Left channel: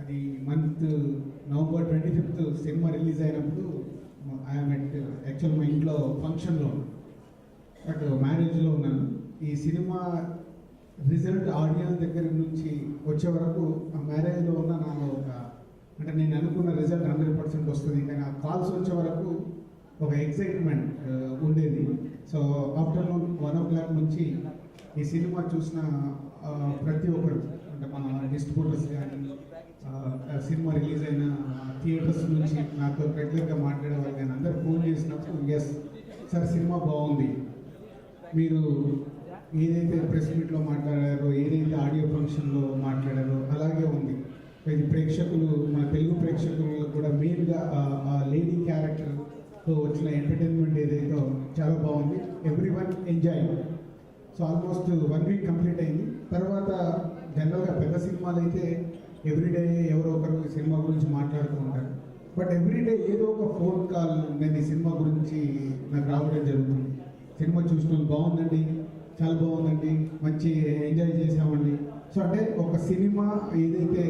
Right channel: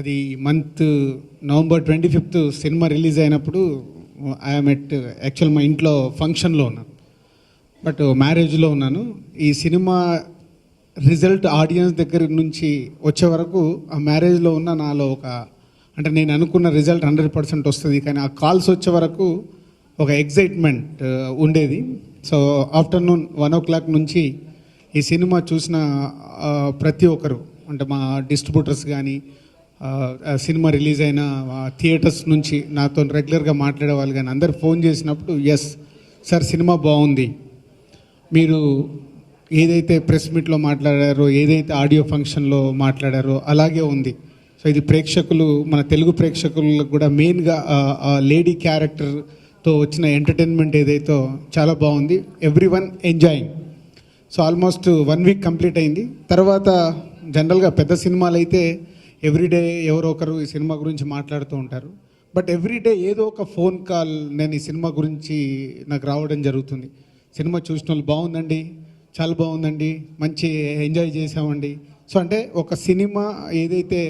అది month November 25th cinema release అయినప్పుడు I'm at actual మా ఇంట్లో ఫంక్షన్లో ఉన్నాను, బట్ మ్యారేజ్లో ఉన్నాను. ఈ సినిమా రిజల్ట్ ఆడియన్స్ దగ్గర నుంచి వచ్చే వరకు ఆ మ్యారేజ్లో ఉన్న నాలో అంటే నేను అనుకున్న రిజల్ట్ 100% వస్తుంది, కానీ ఆ కాల్స్ వచ్చే వరకు ఒక ఎగ్జైట్మెంట్ ఉండేది. సో ఆఫ్టర్నూన్ 1 o'clock నుంచి ఈ సినిమా చూసిన ప్రతి ఒక్కరు, అంటే మా డిస్ట్రిబ్యూటర్స్ కానీ, సినిమా రిలీజ్ అయిన థియేటర్స్ నుంచి నాతో రెగ్యులర్గా మాట్లాడే వాళ్ళు కానీ అందరు ఫోన్ చేసినప్పుడు, ఎస్ సార్ సినిమా బాగుంది, మీరు ఏదైతే ప్రెస్ మీట్లో మాట్లాడారో, ఏదైతే ఆడియో ఫంక్షన్లో మాట్లాడారో అలాగే ఉంది. సో ఇది ప్రేక్షకులు, మన తెలుగు ప్రేక్షకులకు కూడా మెయిన్గా లేడీ క్యారెక్టర్తో వచ్చిన ఎంటర్టైన్మెంట్ ఏదైతే చాలా బాగుంది, everyone enjoying. So almost 1 week complete అయింది. తర్వాత జనరల్గా పెద్ద సినిమాలు అయితే ఎవ్రీడే ఎవరో ఒకరు ఈ సినిమా గురించి మాట్లాడుతూ ఉంటారు, బట్ ఎవ్రీడే ఏదో ఒక ఫోన్ కాల్ నేను ఈ సినిమా గురించి నాకు రావడం జరుగుతుంది. సినిమా చూసిన వాళ్ళు బాగుందండి, చాలా బాగుందండి, మంచి ఎంజాయ్ చేసామండి. సో అంటే ఒక సినిమా ఏదైతే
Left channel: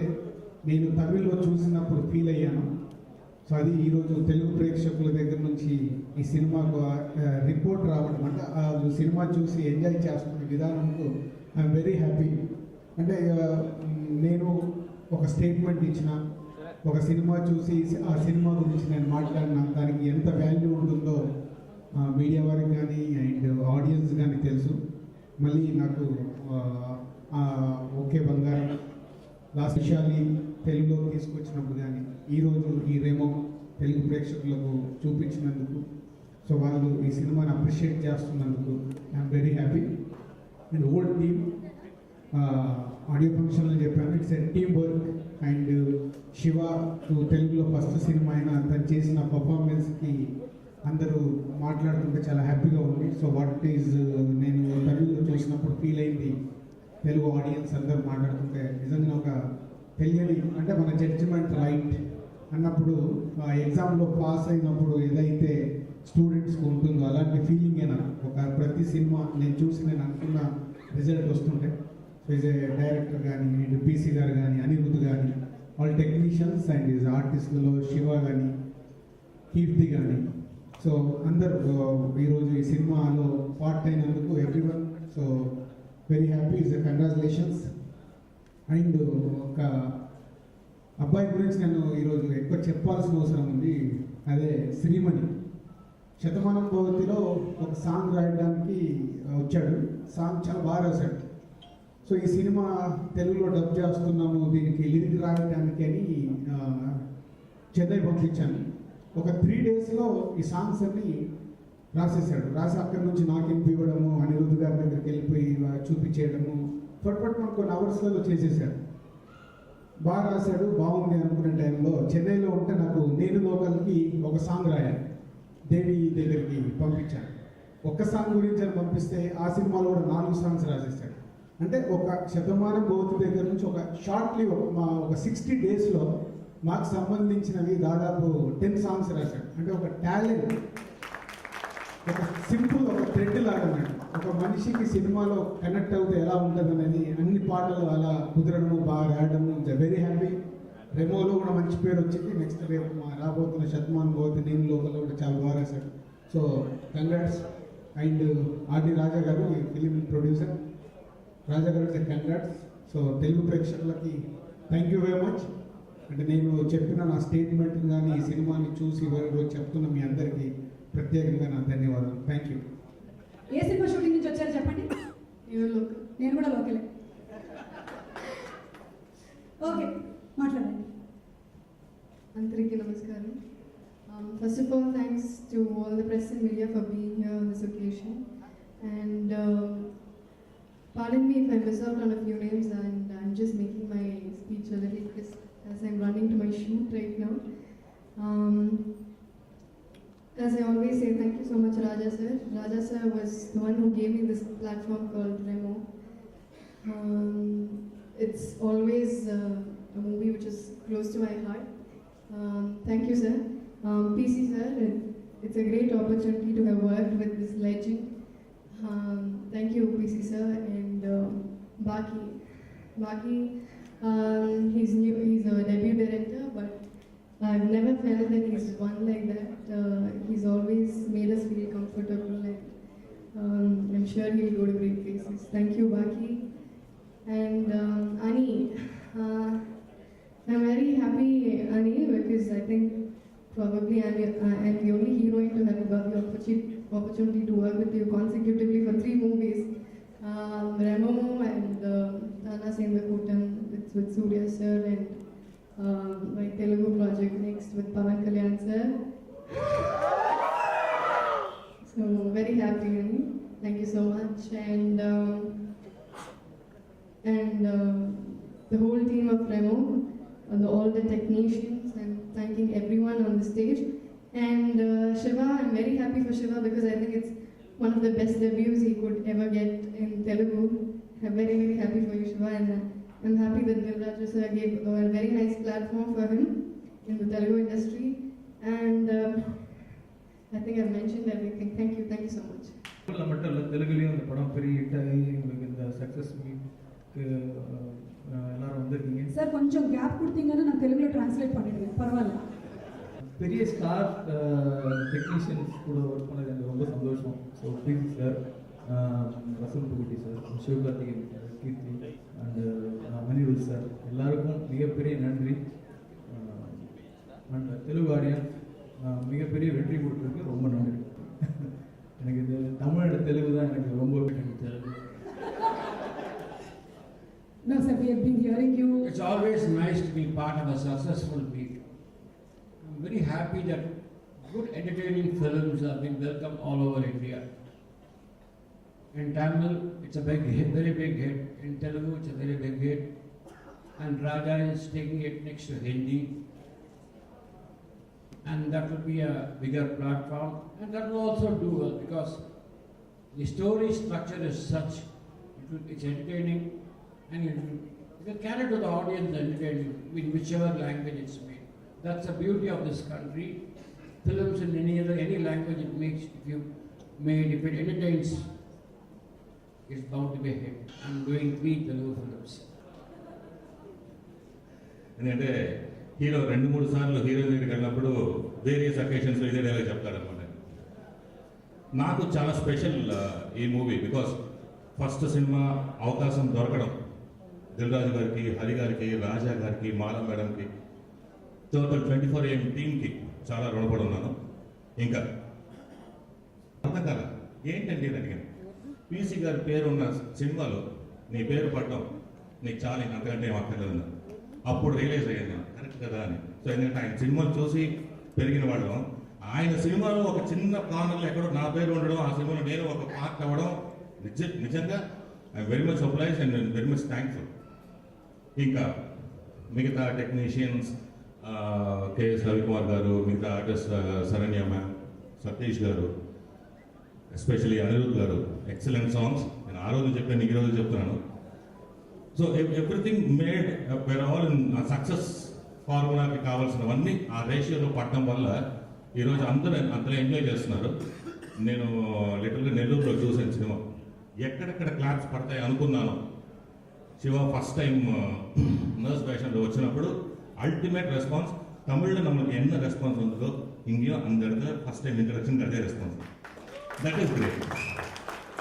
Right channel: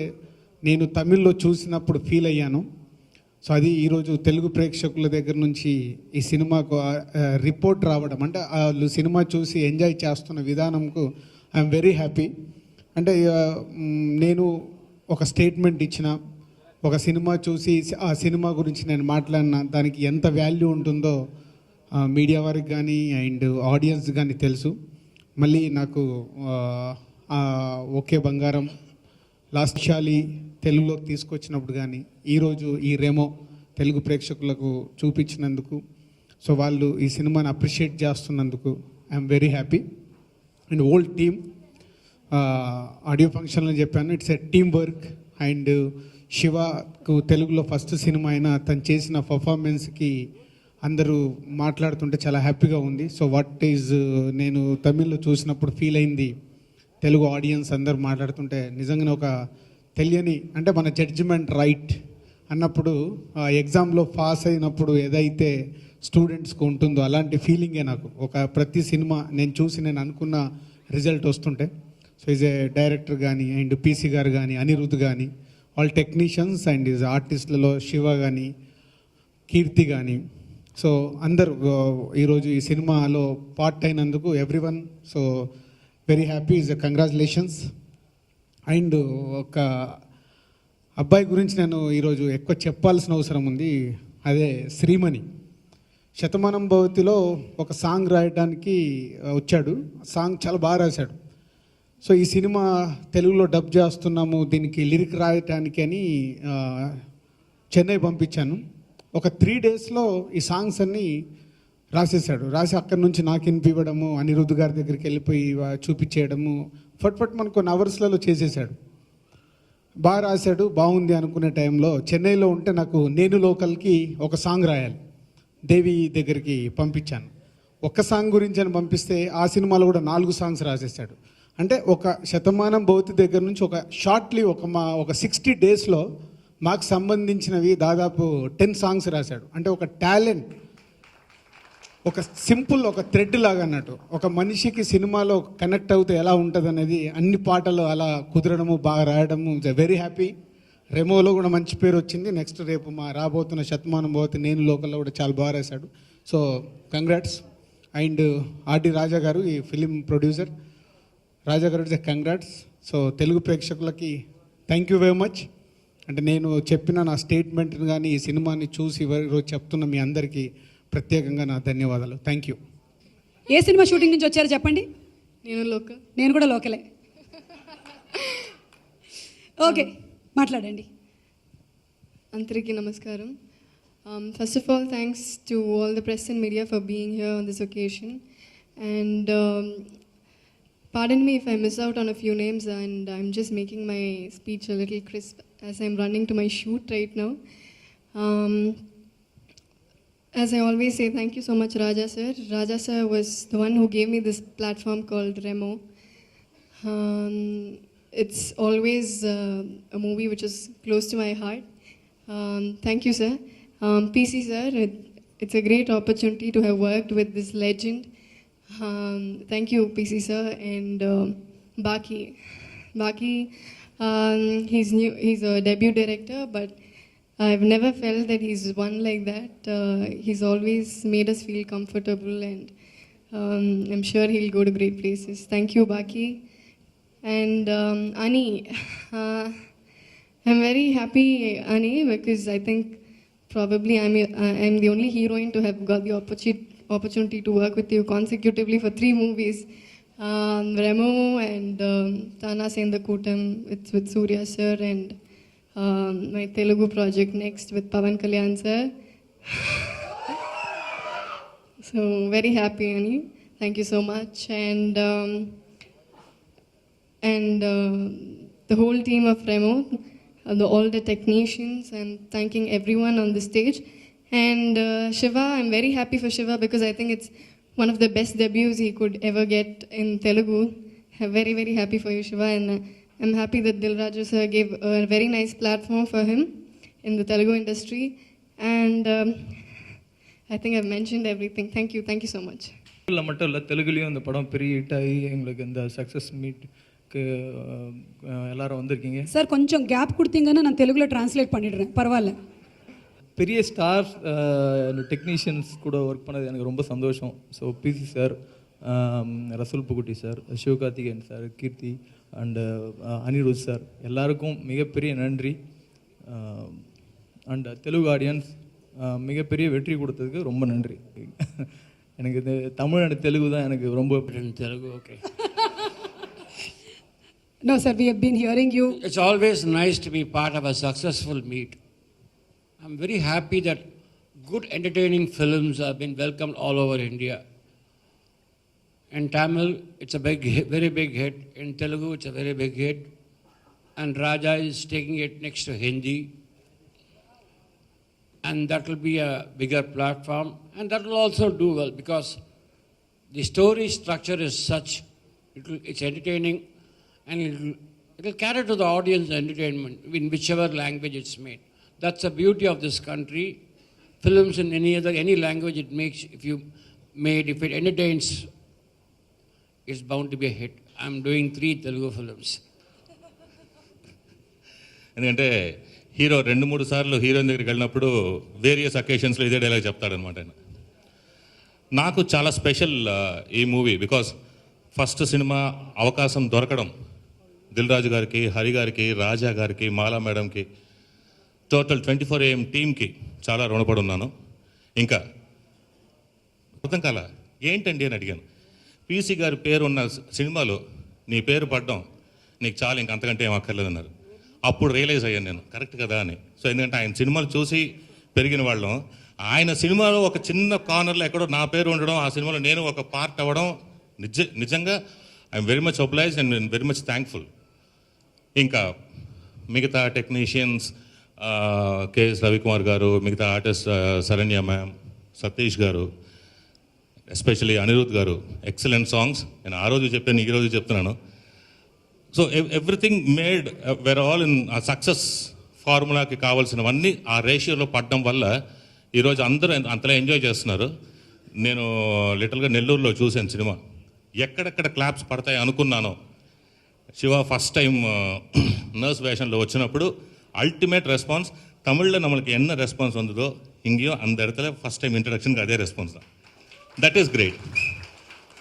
నేను తమిళ్లో చూసినప్పుడు ఫీల్ అయ్యానో, సో అది ఈరోజు తెలుగు ప్రేక్షకుల దగ్గర నుంచి ఈ సినిమాకు రిపోర్ట్ రావడం, అంటే వాళ్ళు సినిమా చూసి ఎంజాయ్ చేస్తున్న విధానంకు ఐఎమ్ వెరీ హ్యాపీ. అంటే నేను ఒక స్టేట్మెంట్ ఇచ్చిన, ఒక సినిమా చూసి ఆ సినిమా గురించి నేను మాట్లాడిన దానికి ఎంత వాల్యూ ఉంటుందో మీడియా వారికి కానీ అండ్ ఆడియన్స్ కానీ తెలుసు. మళ్ళీ నాకు ఓకే బంగారం, లాస్ట్ విషయాలి తెలుగులోకి తీసుకొచ్చినప్పుడు కానీ, ఈరోజు ఈ రెమో తెలుగు ప్రేక్షకులకు చూపించినందుకు, సో వాళ్ళు ఈ సినిమాని అప్రిషియేట్ చేస్తున్నందుకు I'm very happy. And old team, audio ఫంక్షన్లో చెప్పాను, it's a team work. And శివకు తెలుగులో ఫస్ట్ సినిమా అయినా తను చేసిన పర్ఫార్మెన్స్కి అందరూ మాట్లాడుతుంటే చాలా హ్యాపీగా ఉంది. సో వాట్ ఈజ్ నేను తమిళ్లో చూసినప్పుడు ఫీల్ అయింది, తెలుగు ఆడియన్స్ అందరూ మాట్లాడుతుంటే నిజంగానే ఒక తెలియని, అంటే మన జడ్జిమెంట్ రైట్ అన్నప్పుడు ఎగ్జామ్లో పాస్ అయినప్పుడు ఏదైతే స్టూడెంట్స్కి ఉంటుందో అలాంటి ఫీలింగే నాకు ఒక ప్రతి సినిమా నేను చూసి నేను అనుకున్న రిజల్ట్ వస్తుంటే. సో ఈజ్ ఏ డైరెక్టర్ కానీ అండ్ పీసీ గారు కానీ, అనిరుద్ధ్ కానీ, వాళ్ళ టెక్నీషియన్స్ అండ్ ఈజ్ ఆర్టిస్టులలో శివ కానీ, కీర్తి కానీ, సో అందరూ ఈరోజు ఈ సినిమాలో పార్ట్ అయినందుకు everyone so very happy, is congratulations. And ఒక అబ్బాయి గురించి నేను ఈరోజు ఎక్కువ చెప్పాల్సిన అవసరం ఉంది, అదే శ్రీమణి. శతమానం భవతిలో ఒక సాంగ్ రాయడానికి వచ్చాడు, సాంగ్ చాలా బాగా రాశాడు. సో ఈ సినిమా తెలుగులో డబ్ చేస్తున్నాము, దీనికి లిరిక్ రాయడానికి అని చెన్నై పంపించాను. ఒక 3 daysలో ఈ సాంగ్స్ అన్నీ రాసేసాడు. రాసి అక్కడి నుంచి నాకు వినిపివ్వడము, అనిరుద్ధ్ గారి దగ్గరికి వెళ్ళిపోయి చూపించేయడము, ఫట్ మనకు కొన్ని అవర్స్లలో చేసేసాడు. బాగా రాశాడు, బాగుంది అనుకునే టైంలో చెన్నైలో ఉంటే నాకు నేను లోకల్కి ఒక సాంగ్ రాయాలి, దేవి దగ్గరికి పంపించాను. ఒక్క సాంగ్ గురించి అని పంపిస్తే ఆ సినిమాలో కూడా 4 songs రాసేసాడు. అంటే ఒక శతమానం భవతి దగ్గర నుంచి ఒక షార్ట్లీ ఒక 60 daysలో మాకు సంబంధించినవి దాదాపు 10 songs రాశాడు. అంటే ఒక టాలెంట్, ఒక సింపుల్ ఒక థ్రెడ్ లాగా అన్నట్టు, ఒక మనిషికి సినిమాలో కనెక్ట్ అవుతే ఎలా ఉంటుంది అనేది అన్ని పాటలు అలా కుదరడము, బాగా రాయడము, వెరీ హ్యాపీ. రెమోలో కూడా మంచి పేరు వచ్చింది. నెక్స్ట్ రేపు మా రాబోతున్న శతమానం భవతి నేను లోకల్లో కూడా చాలా బాగా రాశాడు. So congrats. అండ్ ఆర్డి రాజా గారు ఈ ఫిలిం ప్రొడ్యూసర్, రాజా గారు కంగ్రాట్స్. సో తెలుగు ప్రేక్షకులకి థ్యాంక్ యూ వెరీ మచ్. అంటే నేను చెప్పిన నా స్టేట్మెంట్ని కానీ ఈ సినిమాని చూసి ఈరోజు చెప్తున్న మీ అందరికీ ప్రత్యేకంగా నా ధన్యవాదాలు. Thank you. A cinema shooting నుంచి వచ్చారో చెప్పండి. నేను కూడా లోకలే. ఓకే, మాట్లాడండి. అందరికీ నమస్కారం. First of all, thanks to all the press and media for being here on this occasion. And pardon me if I miss out on a few names, and I'm just making my speech a little crisp as I'm running to my shoot right now. As I always say, thank you so much, Raja sir. Raja sir was the one who gave me this platform called Remo. It's always a movie which is close to my heart. Thank you, sir. PC sir, it's a great opportunity to have worked with this legend. Thank you, PC sir, and Baki. He's new. He's a debut director, but I've never felt that he's one like that. He's always made us feel comfortable, and I'm sure he'll go to great places. Thank you, Baki. And Ani, I'm very happy, Ani, because I think probably I'm the only heroine to have got the opportunity to work with you consecutively for 3 movies. Remo and Tana Sendakutam with Surya sir, and my Telugu project next with Pavan Kalyan sir. So very happy, Ani. Thank you so much. And the whole team of Remo, all the technicians, and thanking everyone on the stage. And Shiva, I'm very happy for Shiva because I think it's one of the best debuts he could ever get in Telugu. I'm very, very happy for you, Shiva. And I'm happy that Dil Raju sir gave a very nice platform for him in the Telugu industry. And I think I've mentioned everything. Thank you so much. மட்டும் இல்லை, தெலுங்குலேயும் இந்த படம் பெரிய hit ஆகி எங்களுக்கு இந்த success மீட்க்கு எல்லாரும் வந்திருக்கீங்க. சார் கொஞ்சம் கேப் கொடுத்தீங்கன்னா நான் தெலுங்குல டிரான்ஸ்லேட் பண்ணிடுறேன், பரவாயில்ல. பெரிய ஸ்டார் டெக்னீஷியன்ஸ் கூட ஒர்க் பண்ணது எனக்கு ரொம்ப சந்தோஷம். So PC sir, Rasool Pookutty sir, Sivakarthikeyan sir, Keerthi and Anirudh sir, எல்லாருக்கும் மிகப்பெரிய நன்றி. அண்ட் தெலுங்கு ஆடியன்ஸ் மிகப்பெரிய வெற்றி கொடுத்ததுக்கு ரொம்ப நன்றி. எனக்கு இந்த தமிழ் அண்ட் தெலுங்கு தான் எனக்கு ரொம்ப Telugu. Okay. No sir, we have been hearing you. It's always nice to be part of a successful meet. I'm very happy that good entertaining films have been welcomed all over India. In Tamil, it's a very big hit. In Telugu, it's a very big hit. And Raja is taking it next to Hindi. And that will be a bigger platform. And that will also do well because the story structure is such, it's entertaining, and it will cater to the audience entertainment in whichever language it's made. That's the beauty of this country. Films in any language it makes, if it entertains, it's bound to be a hit. I'm doing 3 Telugu films. ఎందుకంటే hero 2-3 సార్లు heroine దగ్గరికి వెళ్ళినప్పుడు various అకేషన్స్లో ఇదే dialogue చెప్తాడనమాట. నాకు చాలా special ఈ movie because first cinema అవకాశం దొరకడం దిల్ రాజు గారికి, హరి గారికి, రాజా గారికి, మాలా మేడంకి, టోటల్ 24AM టీమ్కి చాలా రుణపడి ఉన్నాను. ఇంకా అర్థం కాల ఏంటండి అని అడిగాను. పీసీ గారి పేరు ఉన్న సినిమాలో నీ పేరు పడడం నీకు చాలా ఇంక అంతకంటే ఏం అక్కర్లేదన్నారు. అప్పుడు రియలైజ్ అయ్యాను నేను, కరెక్ట్ కదా అని. సో ఎందుకంటే ఆయన సినిమాలు చూసి పెరిగిన వాళ్ళం, ఆయన సినిమాలో ఒక చిన్న కార్నర్లో ఎక్కడో నా పేరు ఉండడం, ఆ సినిమాలో నేను ఒక పార్ట్ అవ్వడం నిజంగా I'm very much obliged and very much thankful. ఇంకా మిగతా టెక్నీషియన్స్ కేఎస్ రవికుమార్ గారు, మిగతా ఆర్టిస్ట్ శరణ్య మ్యామ్, సతీష్ గారు, ఎస్పెషలీ అనిరుద్ గారు, ఎక్సలెంట్ సాంగ్స్. నేను ఆ రోజు చెప్పాను, ఈ రోజు చెప్తున్నాను. So everything made where all in success ఫార్ములాకి కావాల్సినవన్నీ ఆ రేషియోలో పడడం వల్ల ఈరోజు అందరూ అంతలా ఎంజాయ్ చేస్తున్నారు. నేను లిటల్గా నెల్లూరులో చూశాను సినిమా, ఎక్కడెక్కడ క్లాప్స్ పడతాయి అనుకున్నాను. శివ ఫస్ట్ టైం నర్స్ వేషన్లో వచ్చినప్పుడు అల్టిమేట్ రెస్పాన్స్. தமிழில் நம்மளுக்கு என்ன ரெஸ்பான்ஸ் வந்ததோ இங்கேயும் அந்த இடத்துல ஃபஸ்ட் டைம் இன்ட்ரடக்ஷனுக்கு அதே ரெஸ்பான்ஸ் தான். That is great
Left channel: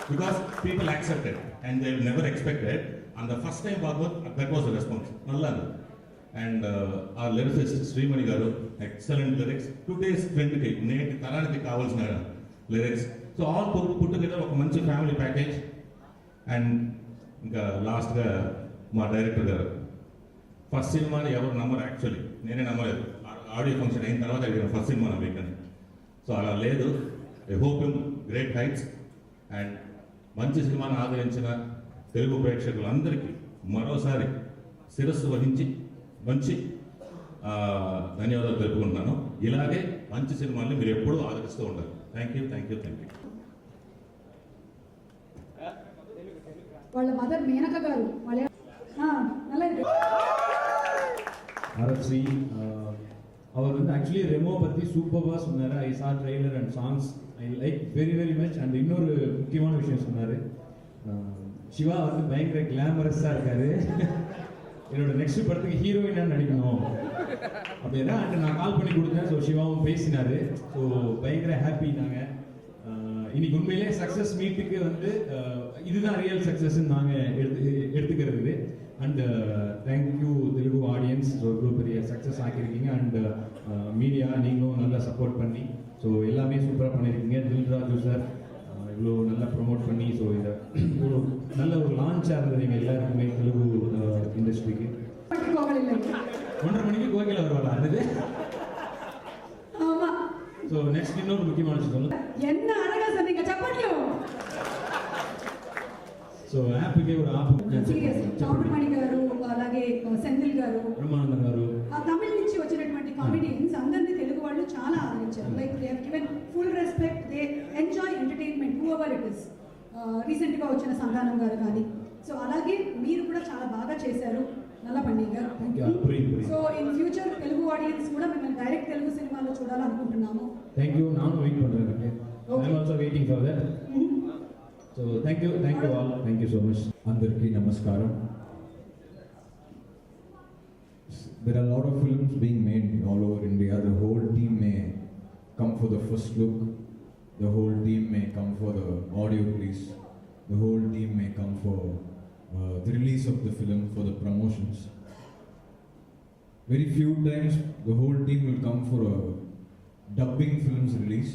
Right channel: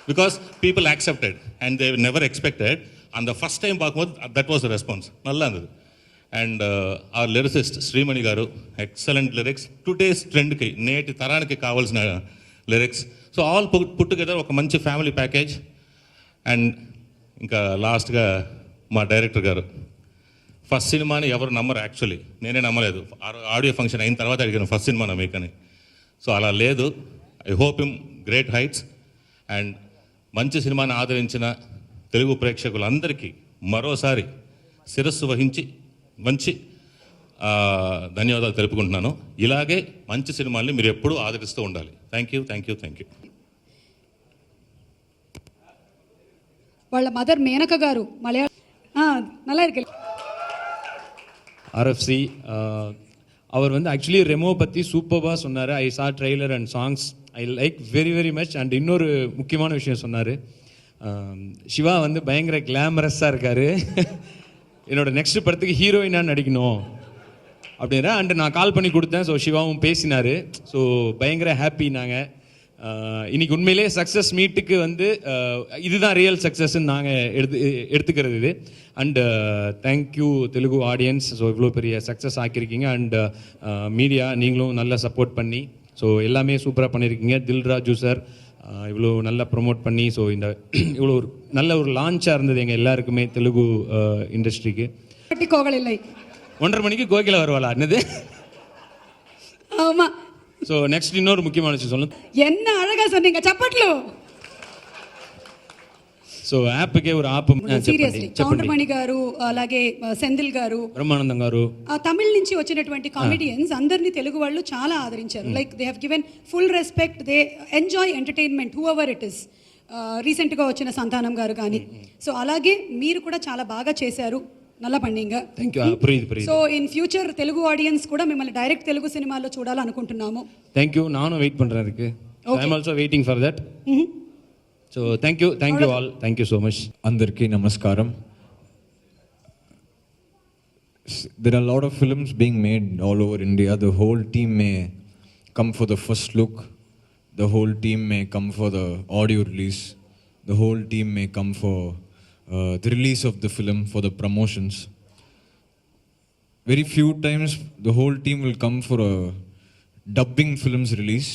because people accepted and they never expected. அந்த ஃபஸ்ட் டைம் பார்க்கும்போது தட் வாஸ் த ரெஸ்பாన్స్, நல்லா இருந்தது. అండ్ ఆ లిరిసిస్ట్ శ్రీమణి గారు, ఎక్సలెంట్ లిరిక్స్, టుడేస్ ట్రెండ్కి, నేటి తరానికి కావాల్సిన lyrics. So all put together ఒక మంచి ఫ్యామిలీ ప్యాకేజ్. అండ్ ఇంకా లాస్ట్గా మా డైరెక్టర్ గారు, ఫస్ట్ సినిమాని ఎవరు నమ్మరు, యాక్చువల్లీ నేనే నమ్మలేదు. ఆడియో ఫంక్షన్ అయిన తర్వాత అడిగాను ఫస్ట్ సినిమానా మీకని. సో అలా లేదు. I hope him great heights. And మంచి సినిమాని ఆదరించిన తెలుగు ప్రేక్షకులందరికీ మరోసారి శిరస్సు వహించి మంచి ధన్యవాదాలు తెలుపుకుంటున్నాను. ఇలాగే మంచి సినిమాల్ని మీరు ఎప్పుడూ ఆదరిస్తూ ఉండాలి. Thank you, thank you, thank you. వాళ్ళ మదర్ మేనక గారు நல்லா இருக்கு. ஆர்எஃப்சி அவர் வந்து ஆக்சுவலி ரெமோ பற்றி சூப்பராக சொன்னார். ஐ சா trailer and songs, I like very very much. And இன்னொரு முக்கியமான விஷயம் சொன்னார், சிவா வந்து பயங்கர கிளாமரஸாக இருக்கார். என்னோட நெக்ஸ்ட் படத்துக்கு ஹீரோயினாக நடிக்கணும் அப்படின்னா அண்ட் நான் கால் பண்ணி கொடுத்தேன். ஸோ சிவாவும் பேசினார். ஸோ பயங்கர ஹாப்பி நாங்கள். இன்னைக்கு உண்மையிலே சக்ஸஸ் மீட்டுக்கு வந்து இதுதான் ரியல் சக்ஸஸ்ன்னு நாங்கள் எடுத்துக்கிறது இது. And thank you Telugu audience. So இவ்வளோ பெரிய சக்ஸஸ் ஆக்கியிருக்கீங்க. அண்ட் மீடியா நீங்களும் நல்லா சப்போர்ட் பண்ணி ஸோ எல்லாமே சூப்பராக பண்ணியிருக்கீங்க. தில்ராஜு சார் இவ்வளோ நல்லா ப்ரொமோட் பண்ணி ஸோ இந்த இவ்வளோ நல்ல ஒரு லான்ச்சாக இருந்தது எங்கள் எல்லாருக்குமே தெலுங்கு இண்டஸ்ட்ரிக்கு. கோவல் இல்லை 1:30 மணிக்கு கோகிலா வருவாளா என்னது? ஆமா. ஸோ நெக்ஸ்ட் இன்னொரு முக்கியமான விஷயம் சொல்லுங்க. என்ன அழகா சொன்னீங்க, சப்பட்லோ. సో యాప్కే ఒక ఆప్ సీరియస్లీ కౌంటమణి గారు అలాగే సెంధిల్ గారు బ్రహ్మానందం గారు ఆ తమిళ నుంచి వచ్చినటువంటి కామెడియన్స్ అందరినీ తెలుగు వాళ్ళు చాలా ఆదరించారు. Like they have given full respect, they enjoy entertainment who ever it is. రీసెంట్గా వచ్చిన సంతానం గారు కానీ. సో అలాగే మీరు కూడా చాలా బాగా చేశారు. నల్ల పండింగ. So in future Telugu audience కూడా మిమ్మల్ని డైరెక్ట్ తెలుగు సినిమాల్లో చూడాలనుకుంటున్నాము. Thank you. నాను వెయిట్ పண்றேன் அதுக்கு. I am also waiting for that. So thank you all. Thank you so much. అందరికీ నమస్కారం. There are a lot of films being made all over India. The whole team may come for the first look. The whole team may come for the audio release. The whole team may come for the release of the film, for the promotions. Very few times the whole team will come for a dubbing film's release.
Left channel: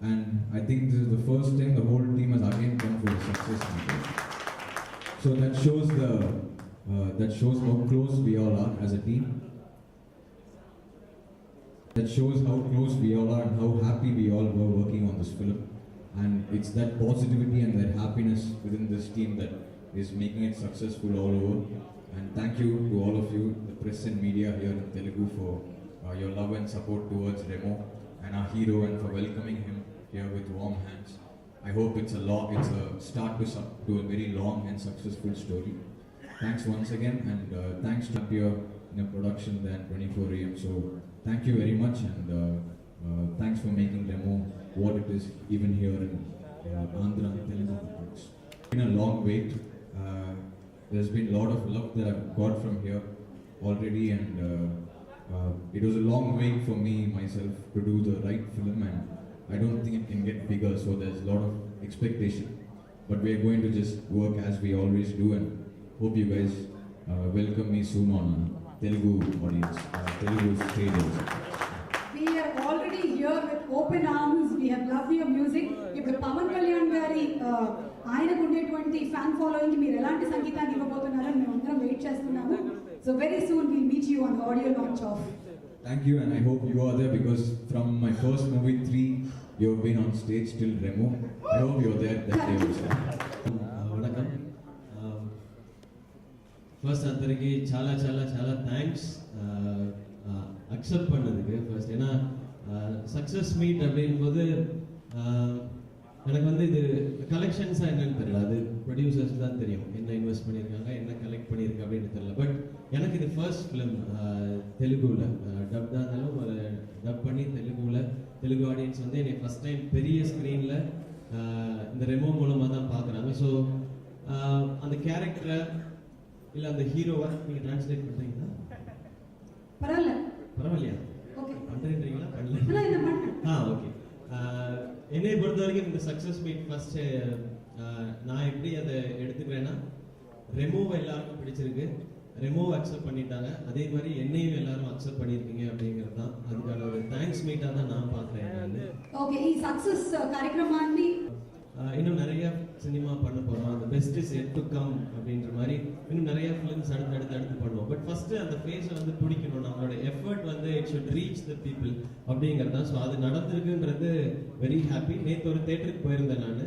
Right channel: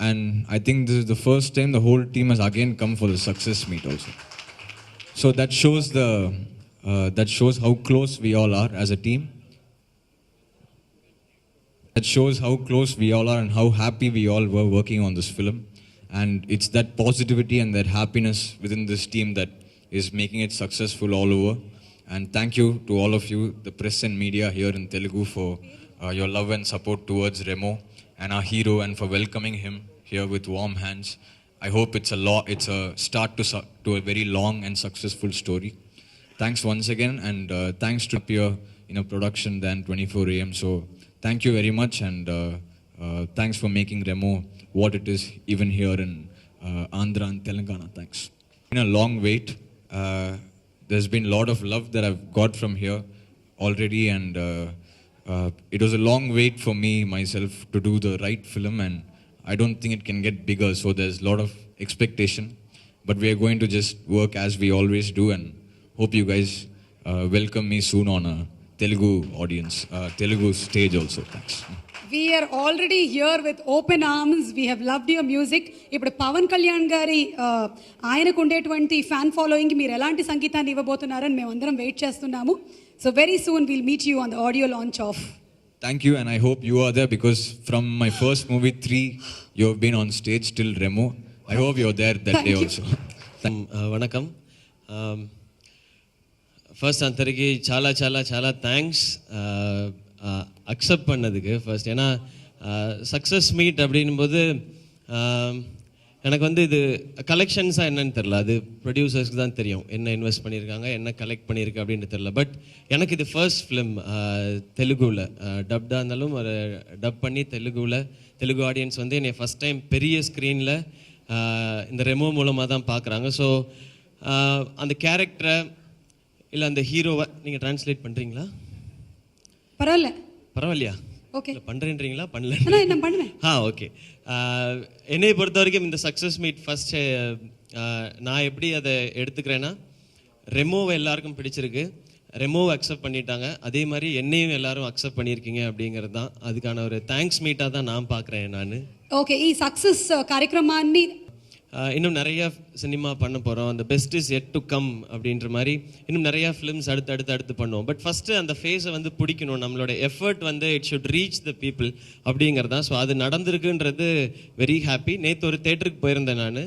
And I think this is the first time the whole team has again come for the success meet also. So that shows how close we all are as a team. That shows how close we all are and how happy we all were working on this film. And it's that positivity and that happiness within this team that is making it successful all over. And thank you to all of you, the press and media here in Telugu, for your love and support towards Remo and our hero, and for welcoming him here with warm hands. I hope it's a start to a very long and successful story. Thanks once again, and thanks to appear in a production than 24 AM. So thank you very much, and thanks for making Remo what it is even here in Andhra and Telangana. Thanks. It's been a long wait. There's been a lot of love that I've got from here already, and it was a long wait for me myself to do the right film, and I don't think it can get bigger, so there's a lot of expectation, but we are going to just work as we always do, and hope you guys welcome me soon on a Telugu audience, Telugu stage also. Thanks. We are already here with open arms. We have loved your music. ఇప్పుడు పవన్ కళ్యాణ్ గారి ఆయనకు ఉండేటువంటి fan following మీరు ఎలాంటి సంగీతాన్ని ఇవ్వబోతున్నారని మేము అందరం wait చేస్తున్నాము. So very soon will meet you on the audio launch of. Thank you, and I hope you are there, because from my first movie 3 you have been on stage till Remo. I hope you're there that day also. வணக்கம். First அந்தரிக்கு చాలా చాలా చాలా thanks accept பண்ணதுக்கு first. ஏன்னா success meet அப்படின்போது எனக்கு வந்து இது கலெக்ஷன்ஸாக என்னன்னு தெரில, அது ப்ரொடியூசர்ஸ்க்கு தான் தெரியும் என்ன இன்வெஸ்ட் பண்ணியிருக்காங்க, என்ன கலெக்ட் பண்ணியிருக்கு அப்படின்னு தெரில. பட் எனக்கு இது ஃபர்ஸ்ட் ஃபிலிம் தெலுங்குவில் டப்டாக இருந்தாலும் ஒரு டப் பண்ணி தெலுங்கு ஆடியன்ஸ் வந்து என்னை ஃபஸ்ட் டைம் பெரிய ஸ்க்ரீனில் இந்த ரெமோ மூலமாக தான் பார்க்குறாங்க. ஸோ அந்த கேரக்டரை இல்லை அந்த ஹீரோவை நீங்கள் ட்ரான்ஸ்லேட் பண்ணுறீங்களா? பரவாயில்லையா? ஓகே பண்ணுறேன்றீங்களா? பண்ணல. ஓகே. என்னை பொறுத்த வரைக்கும் இந்த சக்ஸஸ் மீட் ஃபஸ்ட்டு நான் எப்படி அதை எடுத்துக்கிறேன்னா, ரெமோவை எல்லாருக்கும் பிடிச்சிருக்கு, ரெமோவை அக்செப்ட் பண்ணிட்டாங்க, அதே மாதிரி என்னையும் எல்லாரும் அக்செப்ட் பண்ணியிருக்கீங்க அப்படிங்கிறது தான் அதுக்கான ஒரு தேங்க்ஸ் மீட்டாக தான் நான் பார்க்குறேன் நான். ఓకే, ఈ సక్సెస్ కార్యక్రమాన్ని இன்னும் நிறைய சினிமா பண்ண போகிறோம். அந்த best is yet to come அப்படின்ற மாதிரி இன்னும் நிறையா ஃபிலிம்ஸ் அடுத்து பண்ணுவோம். பட் ஃபஸ்ட்டு அந்த ஃபேஸை வந்து பிடிக்கணும், நம்மளோட எஃபர்ட் வந்து it should reach the people அப்படிங்கிறது தான். ஸோ அது நடந்திருக்குன்றது வெரி ஹாப்பி. நேற்று ஒரு தேட்டருக்கு போயிருந்தேன் நான்.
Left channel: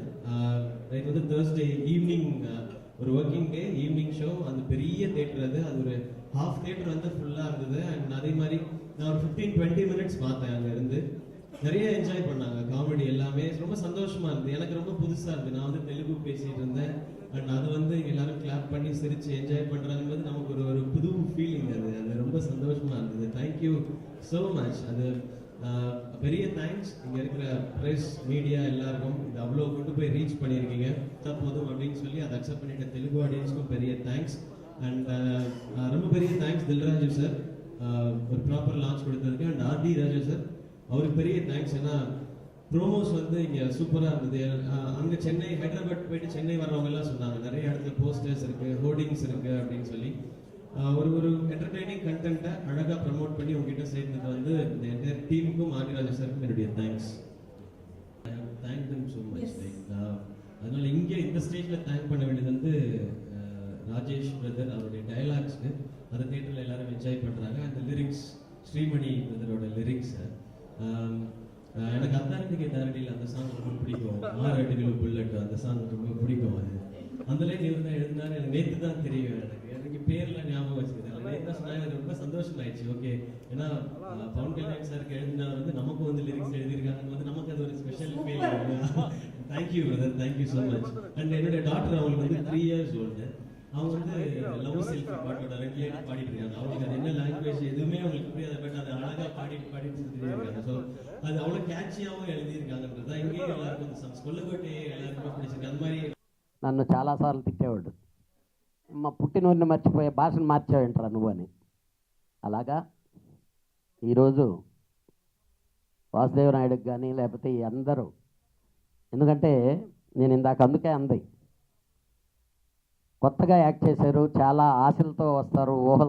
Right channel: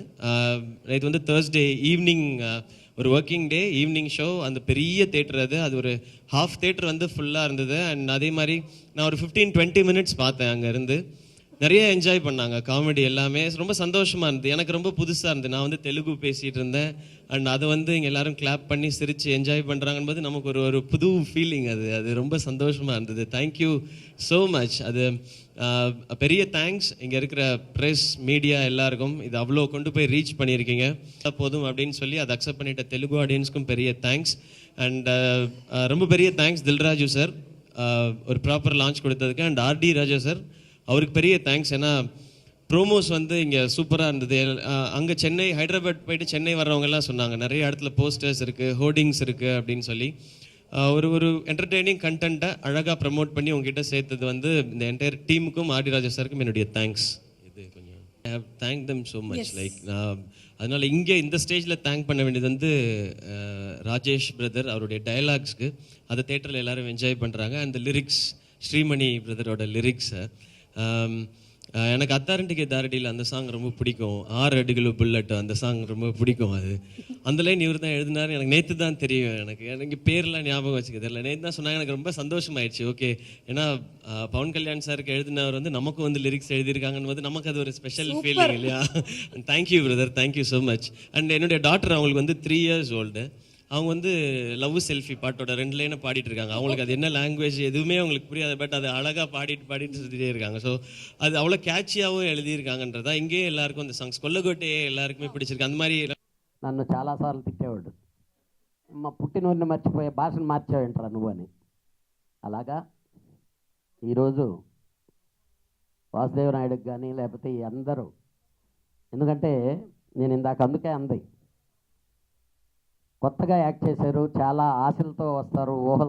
நேற்று வந்து தேர்ஸ்டே ஈவினிங் ஒரு ஒர்க்கிங் டே ஈவினிங் ஷோ. அந்த பெரிய தேட்டர் அது ஒரு ஹாஃப் தேட்டர் வந்து ஃபுல்லாக இருந்தது. அண்ட் அதே மாதிரி நான் ஒரு 15-20 மினிட்ஸ் பார்த்தேன். அங்கேருந்து நிறைய என்ஜாய் பண்ணாங்க, காமெடி எல்லாமே ரொம்ப சந்தோஷமாக இருந்தது. எனக்கு ரொம்ப புதுசாக இருந்தது. நான் வந்து தெலுங்கு பேசிகிட்டு இருந்தேன், அண்ட் அதை வந்து இங்கே எல்லோரும் கிளாப் பண்ணி சிரித்து என்ஜாய் பண்ணுறாங்கன்னு நமக்கு ஒரு புது ஃபீலிங். அது ரொம்ப சந்தோஷமாக இருந்தது. Thank you so much. அது பெரிய தேங்க்ஸ் இங்கே இருக்கிற ப்ரெஸ் மீடியா எல்லாருக்கும். இது அவ்வளோ கொண்டு போய் ரீச் பண்ணியிருக்கீங்க போதும் அப்படின்னு சொல்லி அதை அக்செப்ட் பண்ணிட்ட தெலுங்கு ஆடியன்ஸ்க்கும் பெரிய தேங்க்ஸ். அண்ட் ரொம்ப பெரிய தேங்க்ஸ் தில்ராஜு சார் ஒரு ப்ராப்பர் லான்ச் கொடுத்ததுக்கு. அண்ட் ஆர்டி ராஜா சார், அவருக்கு பெரிய தேங்க்ஸ். ஏன்னா ப்ரோமோஸ் வந்து இங்கே சூப்பராக இருந்தது. அங்கே சென்னை, ஹைதராபாத் போயிட்டு சென்னை வர்றவங்கெல்லாம் சொன்னாங்க நிறைய இடத்துல போஸ்டர்ஸ் இருக்குது, ஹோர்டிங்ஸ் இருக்குது அப்படின்னு சொல்லி. ஒரு என்டர்டெய்னிங் கண்டென்ட்டை அழகாக ப்ரமோட் பண்ணி உங்ககிட்ட சேர்த்தது வந்து இந்த என்டையர் டீமுக்கும் ஆர்டி ராஜா சாருக்கும் என்னுடைய thanks. Thank them so much. Like அதனால் இங்கே இந்த ஸ்டேஜில் தேங்க் பண்ண வேண்டியது வந்து ராஜேஷ் பிரதர், அவருடைய டயலாக்ஸ்க்கு அதை தேட்டரில் எல்லோரும் என்ஜாய் பண்ணுறாங்க. அந்த லிரிக்ஸ், ஸ்ரீமணி பிரதரோட லிரிக்ஸை, எனக்கு அத்தாரண்டிகே தாரடியில் அந்த சாங் ரொம்ப பிடிக்கும். 6 அடிகளோ புல்லட் அந்த சாங் ரொம்ப பிடிக்கும். அது அந்த லைன் இவர் தான் எழுதினார். எனக்கு நேற்று தான் தெரியும். எனக்கு பேர்லாம் ஞாபகம் வச்சுக்கிறது இல்லை. நேற்று தான் சொன்னாங்க. எனக்கு ரொம்ப சந்தோஷமாயிடுச்சு. ஓகே, ஏன்னா பவன் கல்யாண் சாருக்கு எழுதினவர் வந்து நமக்கும் வந்து லிரிக்ஸ் எழுதியிருக்காங்கன்னு வந்து நமக்கு அது ஒரு ஸ்பெஷல் ஃபீலிங் இல்லையா? Thank you brother, thank you so much. And என்னுடைய டாட்டர், அவங்களுக்கு வந்து 3 years ஓல்டு. அவங்க வந்து லவ் செல்ஃபி பாட்டோட 2 லைனை பாடிட்டு இருக்காங்க. அவங்களுக்கு அது என்ன லாங்குவேஜ் எதுவுமே அவங்களுக்கு புரியாது, பட் அது அழகாக பாடிட்டு சுற்றிட்டே இருக்காங்க. ஸோ அது அவ்வளோ கேட்சியாகவும் எழுதியிருக்காங்கன்றதா இங்கேயே எல்லாருக்கும் அந்த சாங்ஸ் கொல்லகோட்டையே எல்லாருக்குமே பிடிச்சிருக்கு. அந்த மாதிரி నన్ను చాలాసార్లు తిట్టేవాడు, మా పుట్టినూరిని మర్చిపోయే భాషను మార్చావేంట్రా నువ్వు అని. అలాగా ఈరోజు వాసుదేవనాయుడుకి కానీ లేకపోతే ఈ అందరూ, ఎందుకంటే నేను ఇందాక అందుకే అంది, కొత్తగా యాక్ట్ చేశారు, చాలా ఆశలతో వస్తారు, ఊహలు